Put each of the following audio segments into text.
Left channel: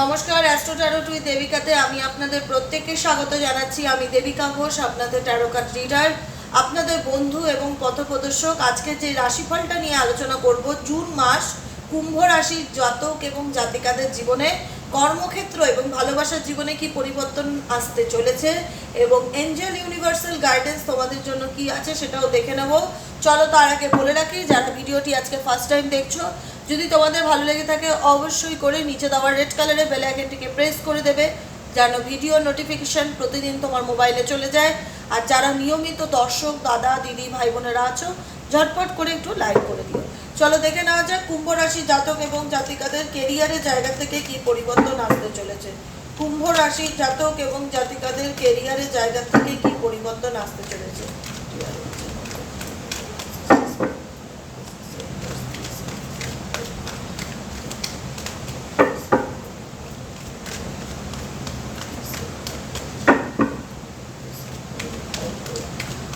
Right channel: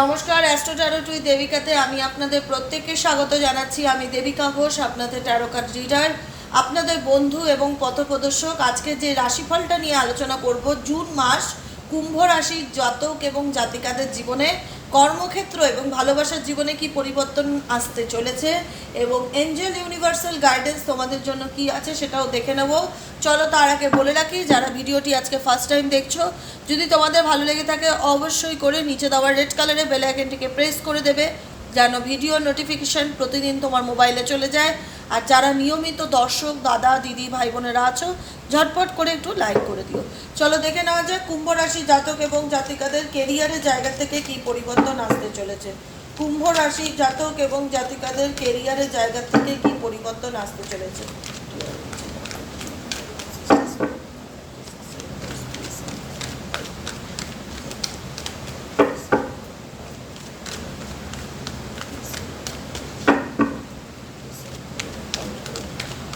নমস্কার astro taro টুই দেবিকাতে আমি আপনাদের প্রত্যেককে স্বাগত জানাচ্ছি। আমি দেবিকা ঘোষ, আপনাদের ট্যারো কার্ড রিডার আপনাদের বন্ধু এবং পথপ্রদর্শক। আজকে যে রাশিফলটা নিয়ে আলোচনা করব, জুন মাস, কুম্ভ রাশির জাতক এবং জাতিকাদের জীবনে। কর্মক্ষেত্র এবং ভালোবাসার জীবনে কি পরিবর্তন আসতে চলেছে এবং এঞ্জেল ইউনিভার্সাল গাইডেন্স তোমাদের জন্য কি আছে সেটাও দেখে নেব। চলো তার আগে বলে রাখি, যারা ভিডিওটি আজকে ফার্স্ট টাইম দেখছ, যদি তোমাদের ভালো লেগে থাকে অবশ্যই করে নিচে দেওয়া রেড কালারের বেল আইকনটিকে প্রেস করে দেবে, যেন ভিডিও নোটিফিকেশন প্রতিদিন তোমার মোবাইলে চলে যায়। আর যারা নিয়মিত দর্শক, দাদা, দিদি, ভাই বোনেরা আছো, ঝটপট করে একটু লাইক করে দিও। চলো দেখে নেওয়া যাক কুম্ভ রাশি জাতক এবং জাতিকাদের কেরিয়ারের জায়গা থেকে কি পরিবর্তন আসতে চলেছে। কুম্ভ রাশি জাতক এবং জাতিকাদের কেরিয়ারের জায়গা থেকে কি পরিবর্তন আসতে চলেছে?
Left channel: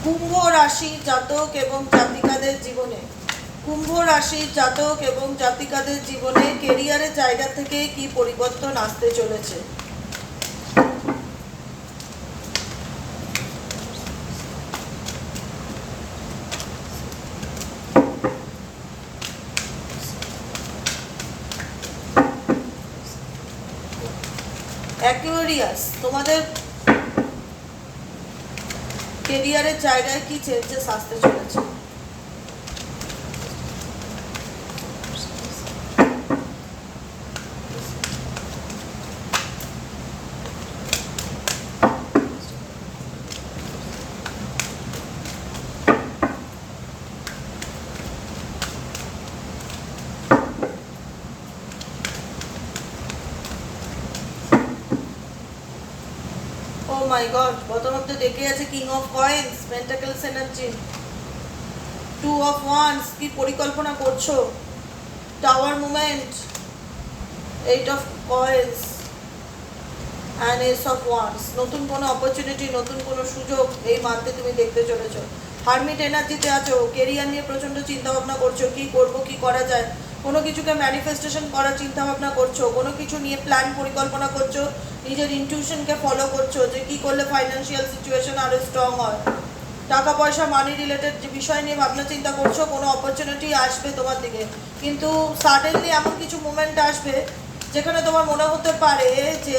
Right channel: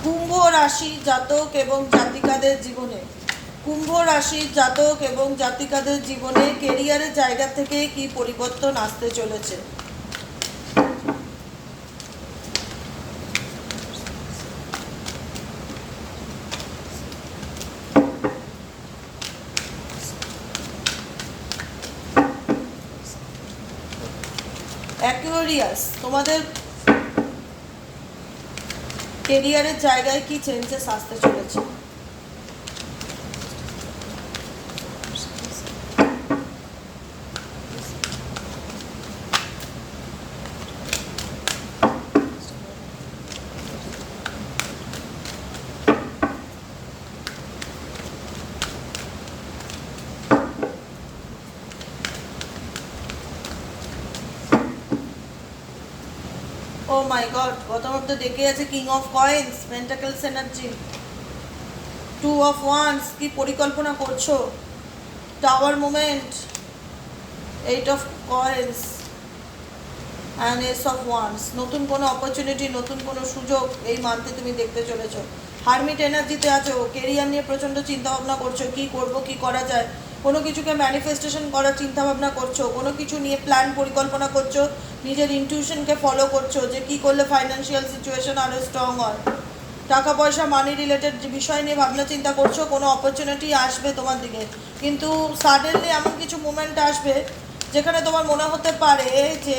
কুম্ভ রাশি জাতক এবং জাতিকাদের জীবনে কুম্ভ রাশি জাতক এবং জাতিকাদের জীবনে কেরিয়ারের জায়গা থেকে কি পরিবর্তন আসতে চলেছে? তোমাদের কেরিয়ারের জায়গায় কি চেঞ্জেস আসতে চলেছে? মাই গড প্রথমত দেখে আছে king of coins pentacles energy two of wands কি পরিকল্পনা করছ? Tower movement eight of coins and ace of wands নতুন কোনো অপরচুনিটি নতুন কোনো সুযোগ এই মান্থে তুমি দেখতে চলেছো। হারমিট এনার্জিতে আছো কেরিয়ার নিয়ে প্রচণ্ড চিন্তা ভাবনা করছ, কি করব, কি করা যায়? কোনো কিছুকে ম্যানিফেস্টেশন করার চিন্তা ভাবনা করছ, কোনো কিছু নিয়ে প্ল্যান পরিকল্পনা করছ নিজের ইনটিউশনকে ফলো করছ যে কি করলে ফাইন্যান্সিয়াল সিচুয়েশন আরও স্ট্রং হয়। টাকা পয়সা মানি রিলেটেড বিষয় নিয়ে ভাবনা চিন্তা করছ, কোনো অপরচুনিটি আসবে তোমার দিকে। কিন্তু সাডেনলি এমন কিছু মুমেন্ট আসবে যেখানে তোমার মনে হতে পারে যে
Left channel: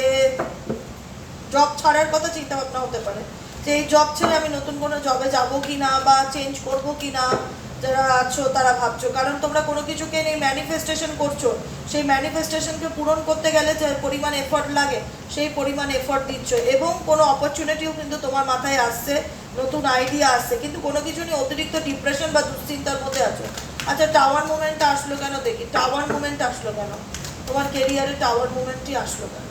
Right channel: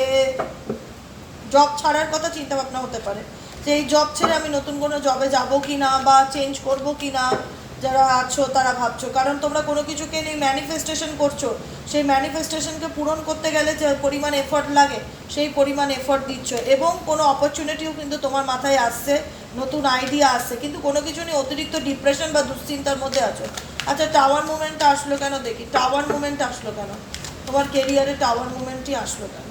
জব ছাড়ার কথা চিন্তা ভাবনা হতে পারে। যে এই জব ছেড়ে আমি নতুন কোনো জবে যাব কি না বা চেঞ্জ করব কি না যারা আছো, তারা ভাবছ। কারণ তোমরা কোনো কিছুকে নিয়ে ম্যানিফেস্টেশন করছ। সেই ম্যানিফেস্টেশনকে পূরণ করতে গেলে যে পরিমাণ এফর্ট লাগে, সেই পরিমাণ এফর্ট দিচ্ছ। এবং কোনো অপরচুনিটিও কিন্তু তোমার মাথায় আসছে, নতুন আইডিয়া আসছে, কিন্তু কোনো কিছু নিয়ে অতিরিক্ত ডিপ্রেশন বা দুশ্চিন্তার মধ্যে আছো। আচ্ছা টাওয়ার মুভমেন্ট আসলো কেন দেখি? টাওয়ার মুভমেন্ট আসলো কেন? তোমার কেরিয়ারে টাওয়ার মুভমেন্টই আসলো কেন?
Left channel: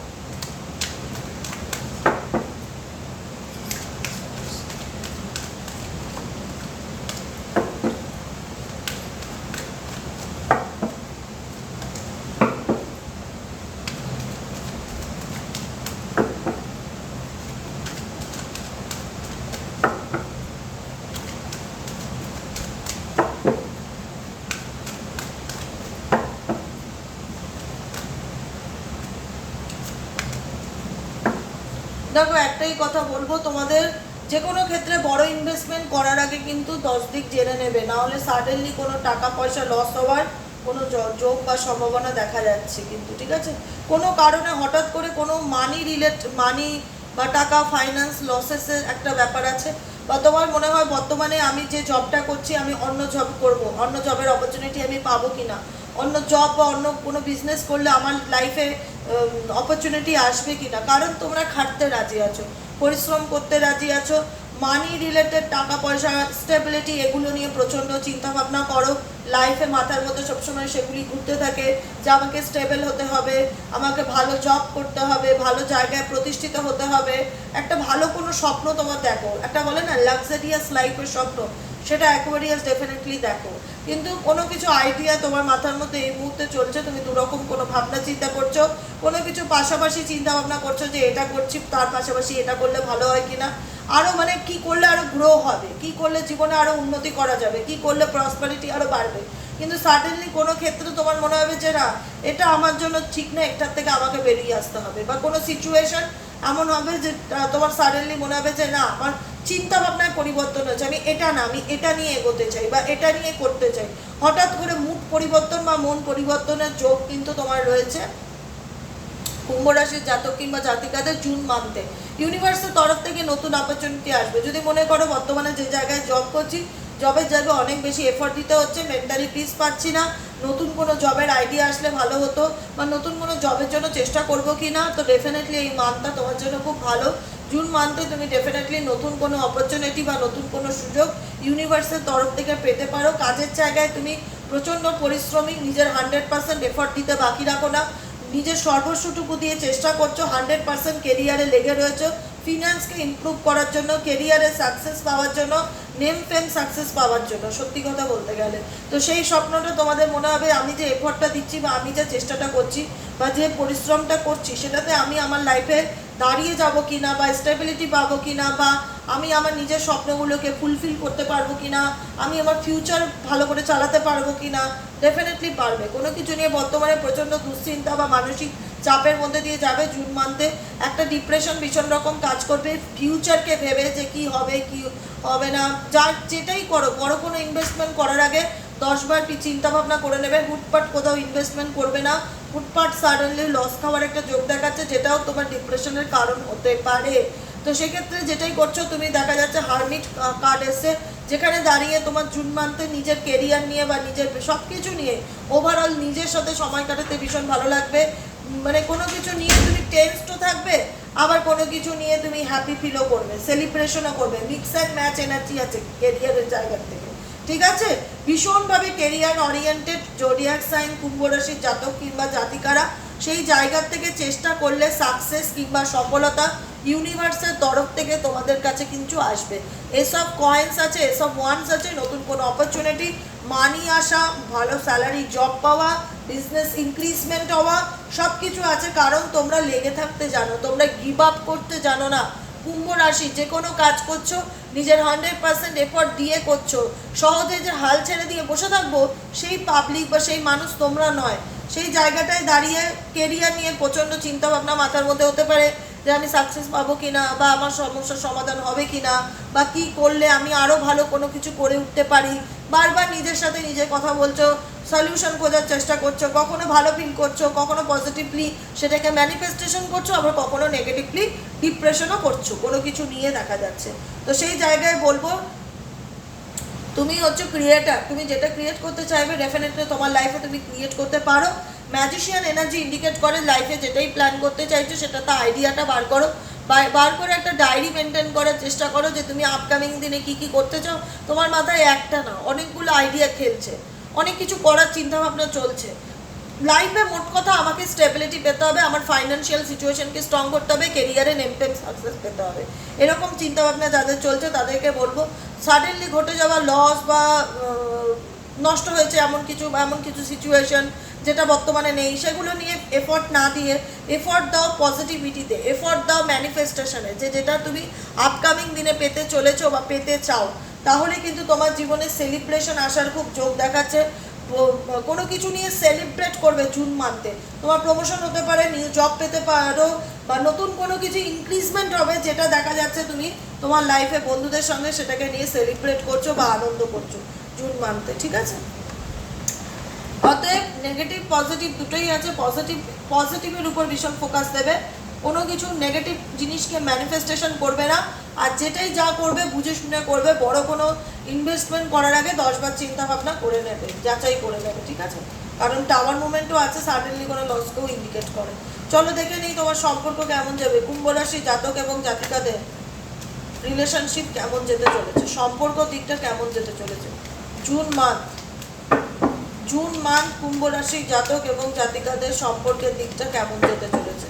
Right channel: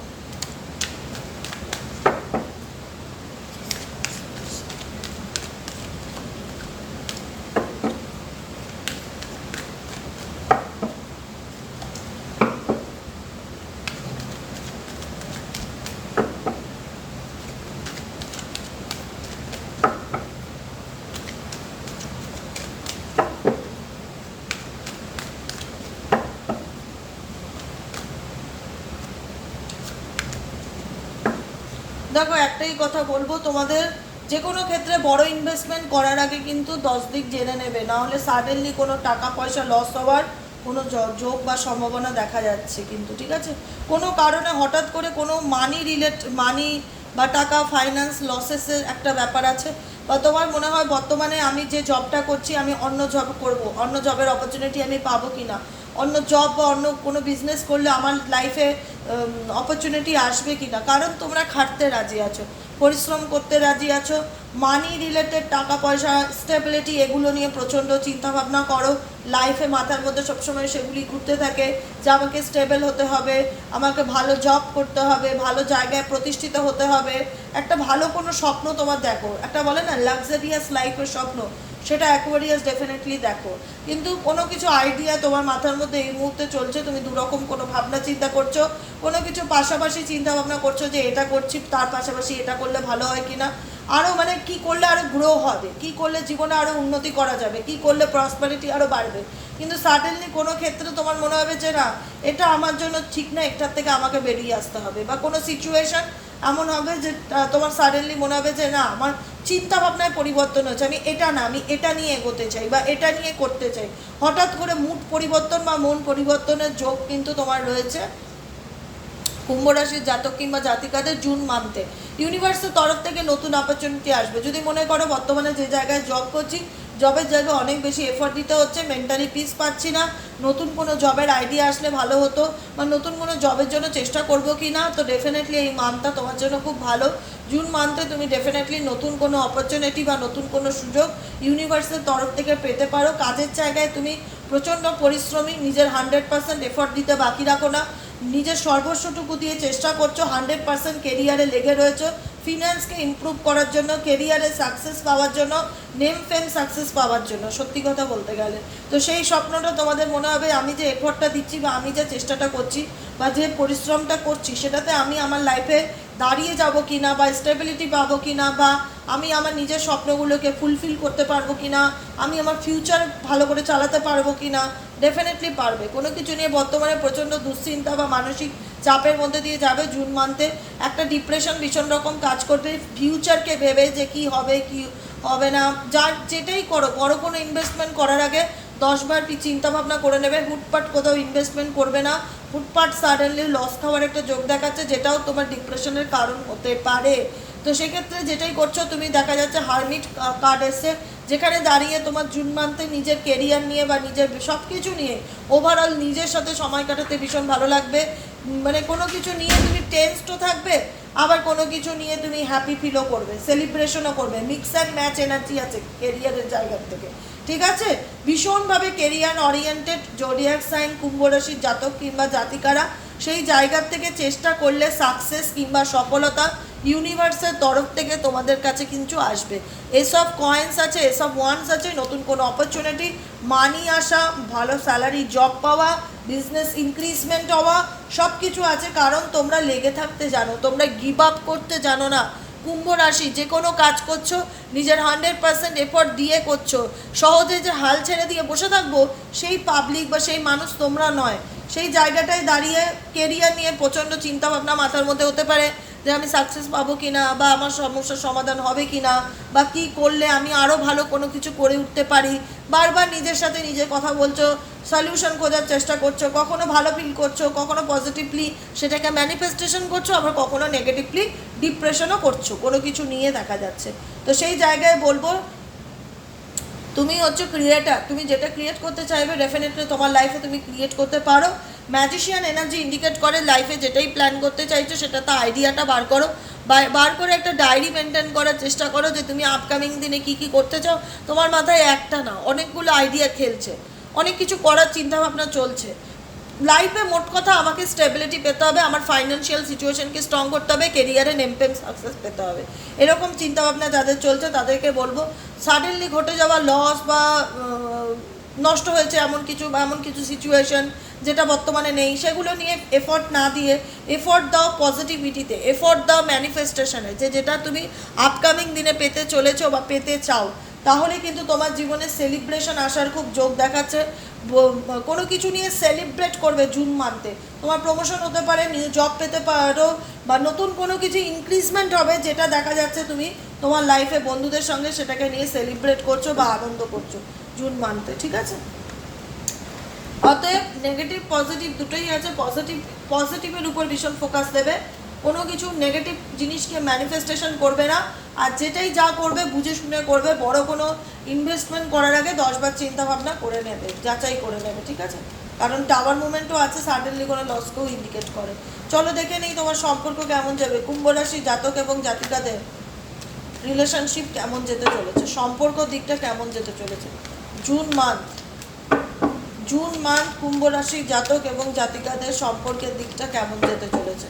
দেখো, একটাই কথা বলব, তোমাদের যে কোনো ক্ষেত্রে বড় ইনভেস্টমেন্ট করার আগে কিন্তু দশ দিক জেনে নেবে। না হলে সাডেনলি কোনো টাকা পয়সা লস হওয়ার কোনো যোগ বা সম্ভাবনা দেখা যাচ্ছে কিন্তু, ঠিক আছে? কোনো কারণে হঠাৎ করে কোনো মানি রিলেট মানি বা টাকা ফাইন্যান্স লসেসের একটা ব্যাপার আছে। বা তোমার মনে হয় বর্তমানে আমি যে জবটা করছি, আমি অন্য জব করব, অন্য জবের অপরচুনিটি আমি পাবো কি না অন্য জব বা অন্য কোনো বিজনেস করলে আমার লাইফে অপরচুনিটি আসবে কি না কারণ তোমরা খাটতে রাজি আছো, পরিশ্রম করতে রাজি আছো মানি রিলেটেড টাকা পয়সা স্টেবিলিটি এগুলো নিয়ে প্রচণ্ড চিন্তাভাবনা করো। লাইফে মাথার মধ্যে সবসময় সেগুলি ঘুরতে থাকে, যে আমাকে স্টেবল হতে হবে, আমাকে ভালো জব করতে হবে, ভালো জায়গায় প্রতিষ্ঠিত হতে হবে। একটা ভালো কোনো স্বপ্ন তোমার দেখো। একটা বলে না লাক্সারিয়াস লাইফের স্বপ্ন। সেটা অ্যাকোয়ারিয়াস ডেফিনেটলি দেখো। কিন্তু কোনো কিছু আইডিয়া তোমার মাথার মধ্যে এই মুহূর্তে চলছে, তুমি দুরকম কোনো ভাবনা চিন্তা করছ, কোনো কিছু পাশাপাশি চিন্তা ভাবনা করছ যে এটা করছি, তার পাশাপাশি এটা করলে ভালো হয় কিনা? আরও মানে কি করলে আরও গ্রো হবে? কি করলে জীবনে আরও উন্নতি করা যাবে? কি করলে প্রসপারিটি আরও বাড়বে? কিন্তু সাডেনলি কোনো ক্ষেত্রে তোমার মনে হবে যে না, এটা আমার জন্য ঠিক না এটার থেকে আমাকে বেরিয়ে আসতে হবে। বা কোনো সিচুয়েশন এমন হবে যে তোমার সাডেনলি মনে হবে যে, না, আমার চিন্তা ভাবনায় পরিবর্তন হচ্ছে আমি এটা না, আমি এটা নিয়ে এগোতে চাই বা এটা নিয়ে করতে চাই। হঠাৎ করে মুড পরিবর্তন বা মন পরিবর্তনের যোগ কিন্তু তোমার রয়েছে কুম্ভ রাশির জাতক কিংবা জাতিকাদের জুন মান্থে। ইউনিভার্সের তরফ থেকে নতুন অপরচুনিটি আসবে। যদি মনে করো বর্তমানে যে জায়গায় জব করছি জবের জায়গায় অনেক বেশি এফোর্ট দিতে হচ্ছে মেন্টালি পিস পাচ্ছি না, নতুন কোনো জবের আইডিয়া আসলে ভালো হতো, বা নতুন কোনো জবের জন্য চেষ্টা করব কি না, তো ডেফিনেটলি এই মান্থটা তোমার জন্য খুব ভালো। জুন মান্থে তুমি ডেফিনেটলি নতুন কোনো অপরচুনিটি বা নতুন কোনো সুযোগ ইউনিভার্সের তরফ থেকে পেতে পারো। কাজের জায়গায় তুমি প্রচণ্ড পরিশ্রমী, নিজের হান্ড্রেড পার্সেন্ট এফোর্ট দিতে বাকি রাখো না। নিজের সর্বস্বটুকু দিয়ে চেষ্টা করছ হান্ড্রেড পার্সেন্ট কেরিয়ারে লেগে রয়েছো। ফিনান্সকে ইমপ্রুভ করার জন্য কেরিয়ারে সাকসেস পাওয়ার জন্য নেম ফেম সাকসেস পাওয়ার জন্য, সত্যি কথা বলতে গেলে। তো সেই স্বপ্নটা তোমাদের মনে হবে, আমি যে এফোর্টটা দিচ্ছি বা আমি যে চেষ্টাটা করছি বা যে পরিশ্রমটা করছি, সেটাতে আমি আমার লাইফে দাঁড়িয়ে যাব কি না বা স্টেবিলিটি পাবো কি না বা আমি আমার নিজের স্বপ্নগুলোকে ফুলফিল করতে পারব কি না আমি আমার ফিউচার ভালো করে চালাতে পারব কি না ডেফিনেটলি পারবে। কোনো কিছু নিয়ে বর্তমানে প্রচণ্ড দুশ্চিন্তা বা মানসিক চাপের মধ্যে দিয়ে যাবে, জুন মান্থে একটা ডিপ্রেশন ভীষণ রকম কাজ করবে। ফিউচারকে ভেবে যে কি হবে কি হবে না যার যেটাই করো, বড় কোনো ইনভেস্টমেন্ট করার আগে দশবার কি চিন্তা ভাবনা করে নেবে, হুটপাট কোথাও ইনভেস্টমেন্ট করবে না। হুটপাট সাডেনলি লস খাওয়ার একটা যোগ দেখাচ্ছে, যেটাও তোমার ডিপ্রেশনের কারণ হতে পারে। তো সেক্ষেত্রে যেটাই করছ, তুমি দেখা যাচ্ছে হার্মিট কার্ড এসে যেখানে দাঁড়িয়ে তোমার জুন মান্থে নিজের কেরিয়ার নিয়ে বা নিজের সব কিছু নিয়ে ওভারঅল নিজের সাথে সময় কাটাতে ভীষণ ভালো লাগবে। মানে কোনো কিছু নিয়ে তুমি টেন্সডও থাকবে, আবার কোনো কিছু নিয়ে তুমি হ্যাপি ফিলও করবে সেলিব্রেশনও করবে মিক্স অ্যান্ড ম্যাচ এনার্জি আছে কেরিয়ারের জায়গার থেকে, ঠিক আছে? ভীষণভাবে কেরিয়ার ওরিয়েন্টেড জোডিয়াক সাইন কুম্ভ রাশির জাতক কিংবা জাতিকারা, সেই জায়গার থেকে চেষ্টা করলে সাকসেস কিংবা সফলতা ইউনিভার্সের তরফ থেকে তোমাদের কাছে কিন্তু আসবে। এসব কয়েন্স আছে এসব ওয়ান্স আছে, নতুন কোনো অপরচুনিটি মানি আসা, ভালো স্যালারি জব পাওয়া বিজনেস ইনক্রিজমেন্ট হওয়া সব কিছু আছে, কারণ তোমরা লেগে থাকতে জানো, তোমরা গিভ আপ করতে জানো না। কুম্ভ রাশি, যে কোনো কাজ করছ, নিজের হান্ড্রেড পার্সেন্ট এফোর্ট দিয়ে করছ। সহজে যে হাল ছেড়ে দিয়ে বসে থাকব, সেই পাবলিক বা সেই মানুষ তোমরা নয়। সেই জায়গাটায় দাঁড়িয়ে কেরিয়ার নিয়ে প্রচণ্ড চিন্তাভাবনা মাথার মধ্যে হতে পারে। যে আমি সাকসেস পাবো কি না বা আমার সমস্যার সমাধান হবে কি না বা কি করলে আমি আরও ভালো কোনো কিছু করে উঠতে পারি। বারবার নিজের সাথে নিজের কথা বলছো সলিউশন খোঁজার চেষ্টা করছ, কখনো ভালো ফিল করছ, কখনো পজিটিভলি সেটাকে ম্যানিফেস্টেশন করছ, আবার কখনো নেগেটিভলি ডিপ্রেশনও করছ, কোনো কিছু নিয়ে দেখা যাচ্ছে। তো সেই জায়গায় বলব, তুমি হচ্ছে ক্রিয়েটার তুমি যেটা ক্রিয়েট করতে চাইবে ডেফিনেটলি তোমার লাইফে তুমি ক্রিয়েট করতে পারো। ম্যাজিশিয়ান এনার্জি ইন্ডিকেট করে লাইফে যেটাই প্ল্যান করতে চাইছো সেটা তো আইডিয়াটা বার করো। বার করে একটা ডায়েরি মেনটেন করার চেষ্টা করো যে তুমি আপকামিং দিনে কি কি করতে চাও। তোমার মাথায় একটা না, অনেকগুলো আইডিয়া খেলছে। অনেক কিছু করার চিন্তা ভাবনা চলছে লাইফে মোট কথা আমাকে স্টেবিলিটি পেতে হবে, আমার ফাইন্যান্সিয়াল সিচুয়েশনকে স্ট্রং করতে হবে কেরিয়ারে নেমপেম সাকসেস পেতে হবে। এরকম চিন্তাভাবনা যাদের চলছে তাদেরকে বলব সাডেনলি ঘটে যাওয়া লস বা নষ্ট হয়েছে এমন কিছু এমন কিছু সিচুয়েশন যেটা বর্তমানে নেই। সেগুলো নিয়ে এফোর্ট না দিয়ে এফোর্ট দাও পজিটিভিটিতে এফোর্ট দাও ম্যানিফেস্টেশনে যে যেটা তুমি আপকামিং দিনে পেতে চলেছো বা পেতে চাও। তাহলে কিন্তু তোমার জীবনে সেলিব্রেশন আসার খুব যোগ দেখাচ্ছে। কোনো কিছু নিয়ে সেলিব্রেট করবে জুন মান্থে। তোমার প্রমোশন হতে পারে নিউ জব পেতে পারো, বা নতুন কোনো কিছু ইনক্রিজমেন্ট হবে যেটা দেখা যাচ্ছে তুমি তোমার লাইফে বন্ধুদের সঙ্গে সেটাকে নিয়ে সেলিব্রেট করছ বা আনন্দ করছ। জুন মান্থে, ঠিক আছে? অতএব নেগেটিভ পজিটিভ দুটোই আছে। পজিটিভ পজিটিভের উপর ভীষণ ফোকাস দেবে। কোনো কিছু নেগেটিভ জিনিসকে ম্যানিফেস্টেশন করবে না। আর যেটাই যা করবে, বুঝে শুনে করবে, বড় কোনো ইনভেস্টমেন্ট করার আগে দশবার চিন্তা ভাবনা করে নেবে, যাচাই করে নেবে, ঠিক আছে? কারণ টাওয়ার মুভমেন্টও আছে সাডেনলি কোনো লসকেও ইন্ডিকেট করে। চলো দেখে নেই তোমার সম্পর্ক কেমন যাবে। কুম্ভ রাশি জাতক এবং জাতিকাদের রিলেশনশিপ কেমন যেতে চলেছে? সম্পর্ক দিকটা কেমন যেতে চলেছে? June month. জুন মান্থ কুম্ভ রাশি জাতক এবং জাতিকাদের সম্পর্কের দিকটা কেমন যেতে চলেছে?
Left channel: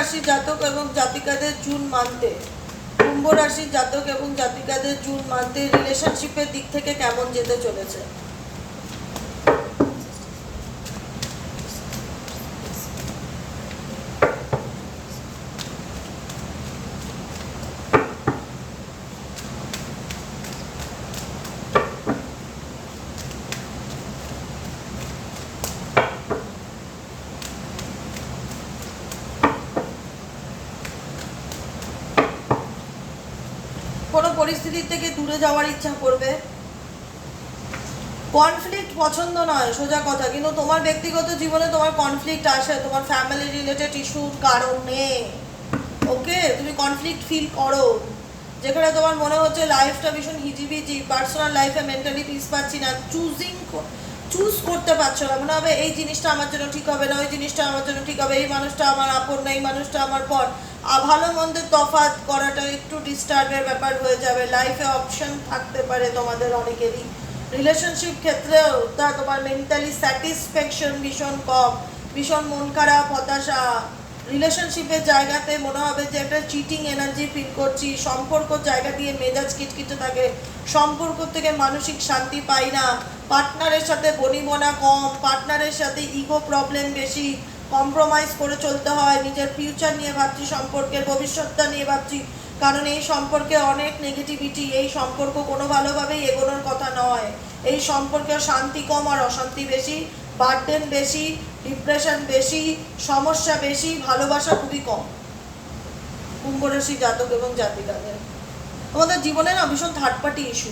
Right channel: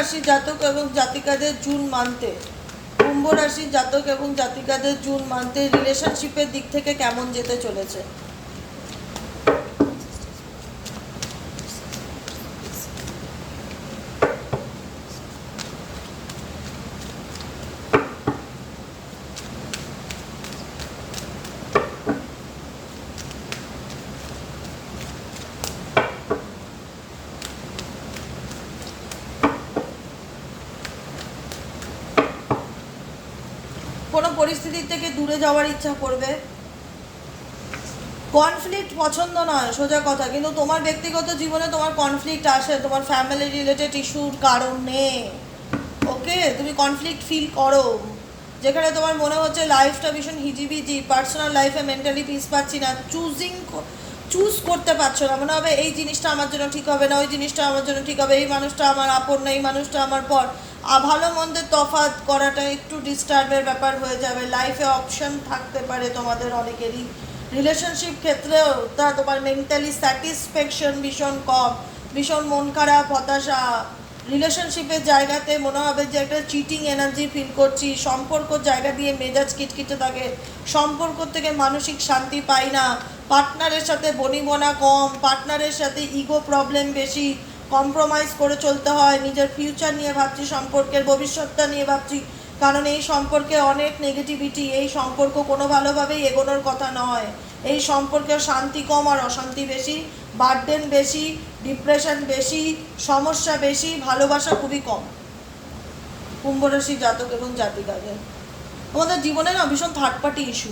রাশি জাতক এবং জাতিকাদের জুন মানতে। কুম্ভ রাশি জাতক এবং জাতিকাদের জুন মানতে রিলেশনশিপের দিক থেকে কেমন যেতে চলেছে? পরিস্থিতি থেকে দূরে যাওয়ার ইচ্ছা করবে? কনফ্লিক্ট পছন্দ নয়, সোজা কথা। কিন্তু তোমার ব্যক্তিগত জীবনে তোমার কনফ্লিক্ট আসে, তোমার ফ্যামিলি রিলেটেড ইস্যুর কারণে ওকে? তুমি কনফ্লিক্ট ফিল করো। যেখানে তোমার মনে হচ্ছে লাইফটা ভীষণ হিজিবিজি পার্সোনাল লাইফে মেন্টালি পিস পাচ্ছি না চুজিং চুজ করতে পারছ না। মনে হবে এই জিনিসটা আমার জন্য ঠিক হবে না, ওই জিনিসটা আমার জন্য ঠিক হবে, এই মানুষটা আমার আপন না, এই মানুষটা আমার পর। ভালো মন্দের তফাৎ করাটা একটু ডিস্টার্বের ব্যাপার হয়ে যাবে। লাইফে অপশন থাকতে পারে তোমাদের অনেকেরই। রিলেশনশিপ ক্ষেত্রেও তা তোমার মেন্টালি স্যাটিসফ্যাকশন ভীষণ কম। ভীষণ মন খারাপ, হতাশা। রিলেশনশিপের জায়গাতে মনে হবে যে একটা চিটিং এনার্জি ফিল করছি। সম্পর্ক জায়গা দিয়ে মেজাজ কিটকিটে থাকে। সম্পর্ক থেকে মানসিক শান্তি পাই না। পার্টনারের সাথে বনিবনা কম। পার্টনারের সাথে ইগো প্রবলেম বেশি। কম্প্রোমাইজ করে চলতে হয়। নিজের ফিউচার নিয়ে ভাবছি, সম্পর্কের ভবিষ্যৎটা নিয়ে ভাবছি। কারণ এই সম্পর্কে অনেক নেগেটিভিটি এই সম্পর্ক কোনো ভালোভাবেই এগোনোর কথা নয়। এই সম্পর্কে শান্তি কম আর অশান্তি বেশি বার্ডেন বেশি ডিপ্রেশন বেশি, সমস্যা বেশি, ভালোবাসা খুবই কম। কুম্ভ রাশি জাতক এবং জাতিকাদের। আমাদের জীবনে না ভীষণ থার্ড পার্টি ইস্যু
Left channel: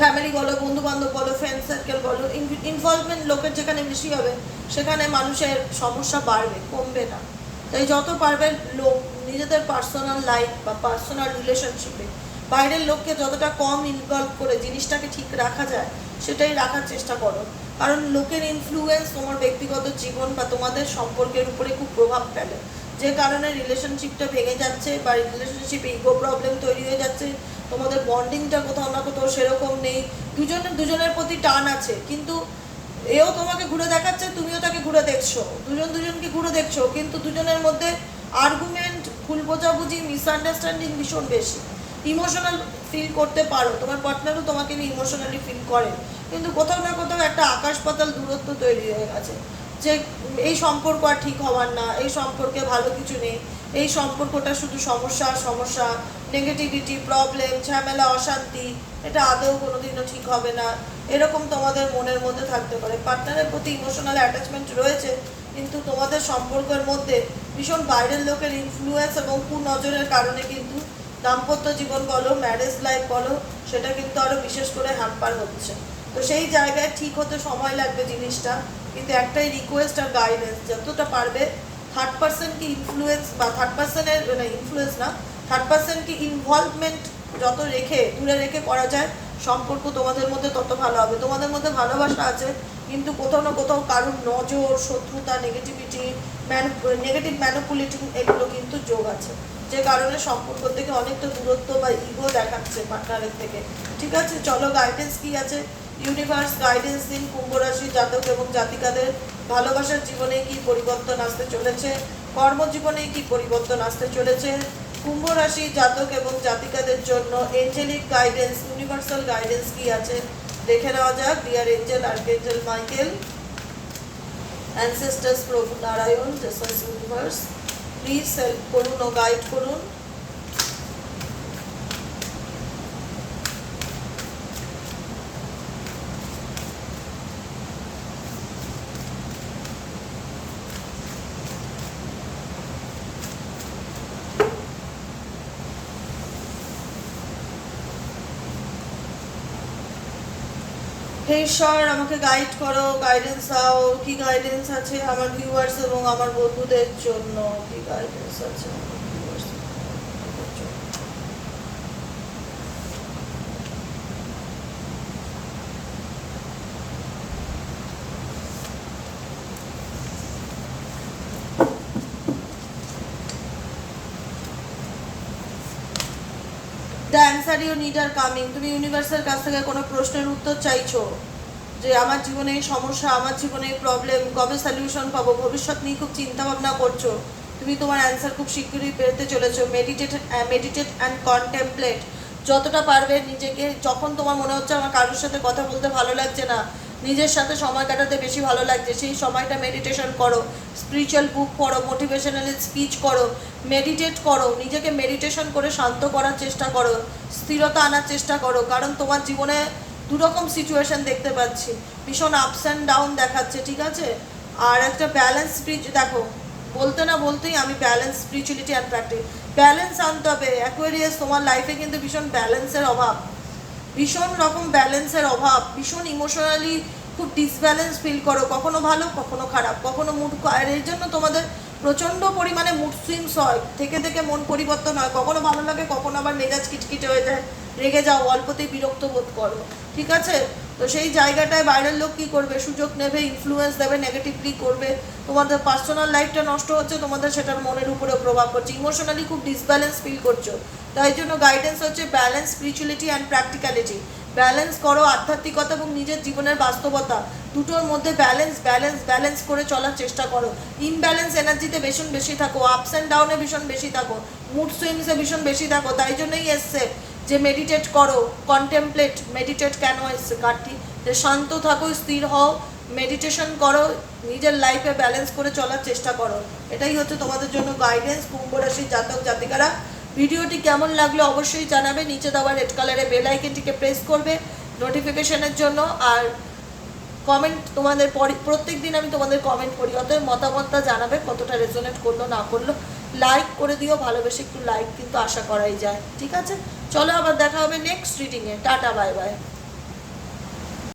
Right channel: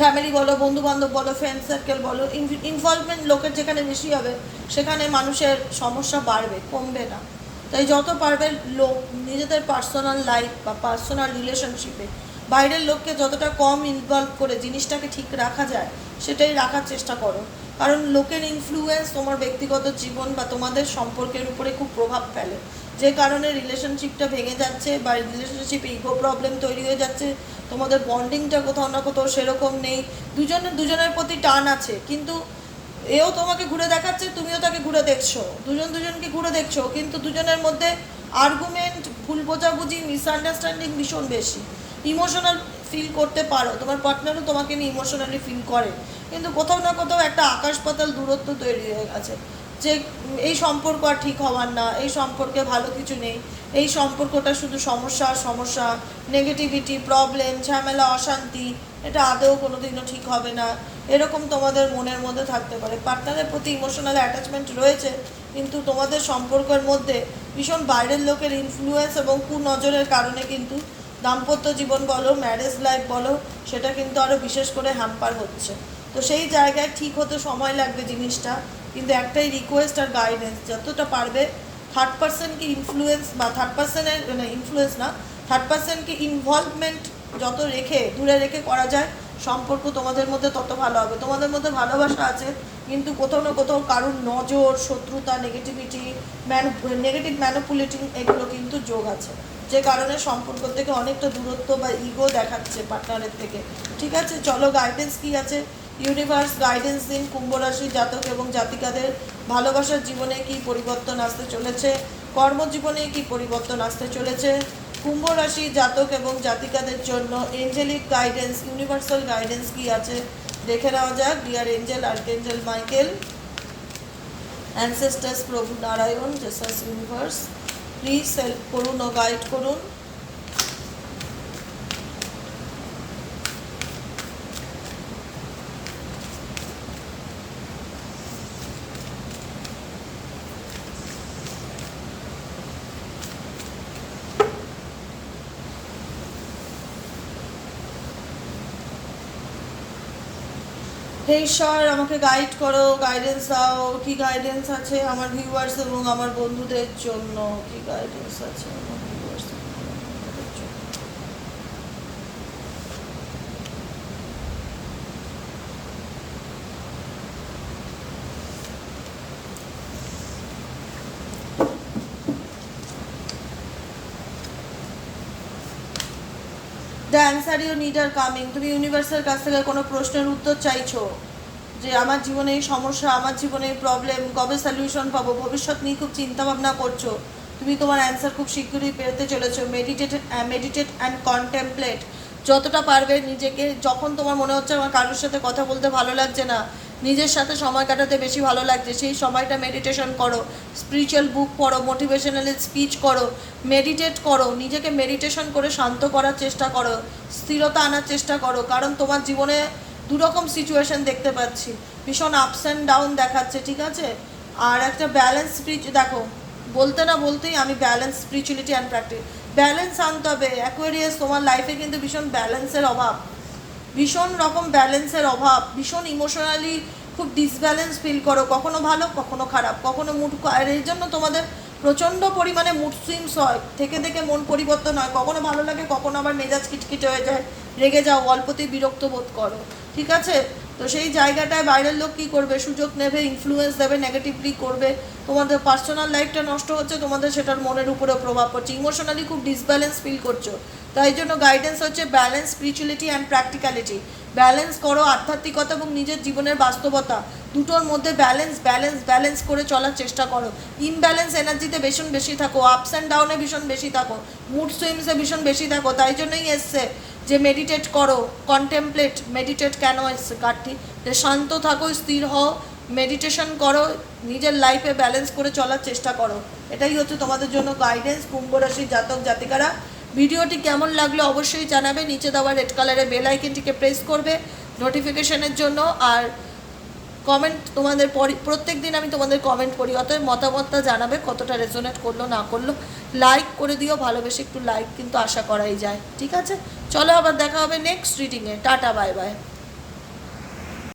ফ্যামিলি বলো বন্ধু বান্ধব বলো ফ্রেন্ড সার্কেল বলো ইনভলভমেন্ট লোকের যেখানে বেশি হবে, সেখানে মানুষের সমস্যা বাড়বে, কমবে না। তাই যত পারবে লোক নিজেদের পার্সোনাল লাইফ বা পার্সোনাল রিলেশনশিপে বাইরের লোককে যতটা কম ইনভলভ করে জিনিসটাকে ঠিক রাখা যায়, সেটাই রাখার চেষ্টা করো। কারণ লোকের ইনফ্লুয়েন্স তোমার ব্যক্তিগত জীবন বা তোমাদের সম্পর্কের উপরে খুব প্রভাব ফেলে। যে কারণে রিলেশনশিপটা ভেঙে যাচ্ছে বা রিলেশনশিপে ইগো প্রবলেম তৈরি হয়ে যাচ্ছে তোমাদের বন্ডিংটা কোথাও না কোথাও সেরকম নেই। দুজনের দুজনের প্রতি টান আছে, কিন্তু এও তোমাকে ঘুরে দেখাচ্ছে, তুমিও তাকে ঘুরে দেখছ। দুজন দুজনকে ঘুরে দেখছ, কিন্তু দুজনের মধ্যে আর্গুমেন্ট ভুল বোঝাবুঝি মিসআন্ডারস্ট্যান্ডিং ভীষণ বেশি। ইমোশনাল ফিল করতে পারো, তোমার পার্টনারও তোমাকে নিয়ে ইমোশনালি ফিল করে। কিন্তু কোথাও না কোথাও একটা আকাশ পাতাল দূরত্ব তৈরি হয়ে গেছে। যে এই সম্পর্ক আর ঠিক হওয়ার না, এই সম্পর্কে ভালো কিছু নেই। এই সম্পর্কটা শুধু সমস্যা সমস্যা নেগেটিভিটি প্রবলেম ঝামেলা, অশান্তি, এটা আদৌ কোনোদিনও ঠিক হবে না। এরকম তোমাদের মনের মধ্যে থাকতে পারে। পার্টনারের প্রতি ইমোশনাল অ্যাটাচমেন্ট রয়েছে, কিন্তু তোমাদের সম্পর্কের মধ্যে ভীষণ বাইরের লোকের ইনফ্লুয়েন্স এবং কুনজরের কারণে কিন্তু দাম্পত্য জীবন বলো ম্যারেজ লাইফ বলো, সেটা কিন্তু আরও বিশেষ করে হাটপার হচ্ছে। তো সেই জায়গায় ঠিক হতে সময় লাগবে জিনিসটা, কিন্তু একটাই রিকোয়েস্ট আর গাইডেন্স যতটা পারবে থার্ড পার্সনকে ইনফ্লুয়েন্স বা থার্ড পার্সনের মানে ইনফ্লুয়েন্স না থার্ড পার্সনকে ইনভলভমেন্ট যত রেখে, দূরে রেখে করা যায়, সম্পর্ক তোমাদের মধ্যে তত ভালো হবে। তোমাদের মধ্যে ভালোবাসা আছে, কিন্তু কোথাও না কোথাও কারোর নজর, শত্রুতা নেগেটিভিটি ম্যান নেগেটিভ ম্যানুপুলেটিং এগুলো কিন্তু যোগ আছে। যে কারণে সম্পর্ক থেকে অনেকটা দূরত্ব বা ইগো দেখাচ্ছে পার্টনারের থেকে। ঠিক আছে? চলো গাইডেন্স কি আছে? ইউনিভার্স গাইডেন্স দিন, কুম্ভ রাশি জাতক এবং জাতিকাদের ভালোবাসার জীবনে কি পরিবর্তন আসতে চলেছে? কর্মজীবনে কি পরিবর্তন আসতে চলেছে? কুম্ভ রাশি জাতক এবং জাতিকাদের জন্য এঞ্জেলিক গাইডেন্স ইউনিভার্সাল গাইডেন্স কি আছে? দেখে নেওয়া যাক। Dear angel archangel Michael ancestors প্রভু Narayan Jesus universe please help করুন ও গাইড করুন। হে ঈশ্বর, আমাকে গাইড করো গাইডেন্স দাও। কি গাইডেন্স আছে আমার ভিউয়ার্স এবং আমার বন্ধুদের জন্য? কি গাইডেন্স আছে আমার viewers এবং আমার বন্ধুদের জন্য? The answer you need are coming তুমি ইউনিভার্সের কাছ থেকে কোনো প্রশ্নের উত্তর চাইছো যে আমার জীবনে এই সমস্যা, আমার জীবনে এই প্রবলেম কবে সলিউশন পাবো? ভবিষ্যৎ নিয়ে খুব চিন্তাভাবনা করছ। তুমি তোমার অ্যান্সার খুব শীঘ্রই পেতে চলেছো। মেডিটেটেড মেডিটেট অ্যান্ড কন্টেমপ্লেট যতটা পারবে নিজেকে। যখন তোমার মনে হচ্ছে আমার কারোর সাথে কথা বলতে ভালো লাগছে না নিজের সাথে সময় কাটাতে বেশি ভালো লাগছে। সেই সময়টা মেডিটেশন করো স্পিরিচুয়াল বুক পড়ো মোটিভেশনাল স্পিচ করো মেডিটেট করো, নিজেকে মেডিটেশন করে শান্ত করার চেষ্টা করো, স্থিরতা আনার চেষ্টা করো, কারণ তোমার জীবনে দুরকম সিচুয়েশন দেখতে পাচ্ছি। ভীষণ আপস অ্যান্ড ডাউন দেখাচ্ছে, ঠিক আছে? আর একটা ব্যালেন্স স্পিচ দেখো, বলতে না বলতেই আমি balance spirituality and practice balance আনতে হবে। অ্যাকোয়ারিয়াস তোমার লাইফে কিন্তু ভীষণ ব্যালেন্সের অভাব। ভীষণ রকম ব্যালেন্সের অভাব, ভীষণ ইমোশনালি খুব ডিসব্যালেন্স ফিল করো, কখনো ভালো, কখনো খারাপ, কখনো মুড আর এই জন্য তোমাদের প্রচণ্ড পরিমাণে মুড সুইংস হয়, থেকে থেকে মন পরিবর্তন হয়, কখনো ভালো লাগে, কখনো আবার মেজাজ কিটকিটে হয়ে যায়। রেগে যাও, অল্পতেই বিরক্ত বোধ করো, ঠিক আছে? তো সেই জায়গাটায় বাইরের লোক কী করবে? সুযোগ নেবে ইনফ্লুয়েন্স দেবে নেগেটিভলি করবে। তোমাদের পার্সোনাল লাইফটা নষ্ট হচ্ছে, তোমাদের সেটার মনের উপরেও প্রভাব পড়ছে। ইমোশনালি খুব ডিসব্যালেন্স ফিল করছ। তাই জন্য গাইডেন্স হচ্ছে balance spirituality and practicality balance করো আধ্যাত্মিকতা এবং নিজের জীবনের বাস্তবতা। দুটোর মধ্যে ব্যালেন্স ব্যালেন্স ব্যালেন্স করে চলার চেষ্টা করো। ইমব্যালেন্স এনার্জিতে ভীষণ বেশি থাকো আপস অ্যান্ড ডাউনে ভীষণ বেশি থাকো। মুড সুইংসে ভীষণ বেশি থাকো, তাই জন্যই এসছে। যে মেডিটেট করো কন্টেমপ্লেট মেডিটেট কেন এসছে কার্ডটি যে শান্ত থাকো, স্থির হও মেডিটেশন করো, নিজের লাইফে ব্যালেন্স করে চলার চেষ্টা করো। এটাই হচ্ছে তোমাদের জন্য গাইডেন্স কুম্ভ রাশির জাতক জাতিকারা। ভিডিওটি কেমন লাগল অবশ্যই জানাবে। নিচে দেওয়া রেড কালারের বেল আইকনটিকে প্রেস করবে নোটিফিকেশনের জন্য। আর কমেন্ট তোমাদের পরি প্রত্যেক দিন আমি তোমাদের কমেন্ট করি অতএব মতামতটা জানাবে কতটা রেজোনেট করল, না করল। লাইক করে দিও, ভালোবেসে একটু লাইক কিন্তু আশা করাই যায়, ঠিক আছে? চলো আবার দেখা হবে নেক্সট রিডিংয়ে টাটা বাই বাই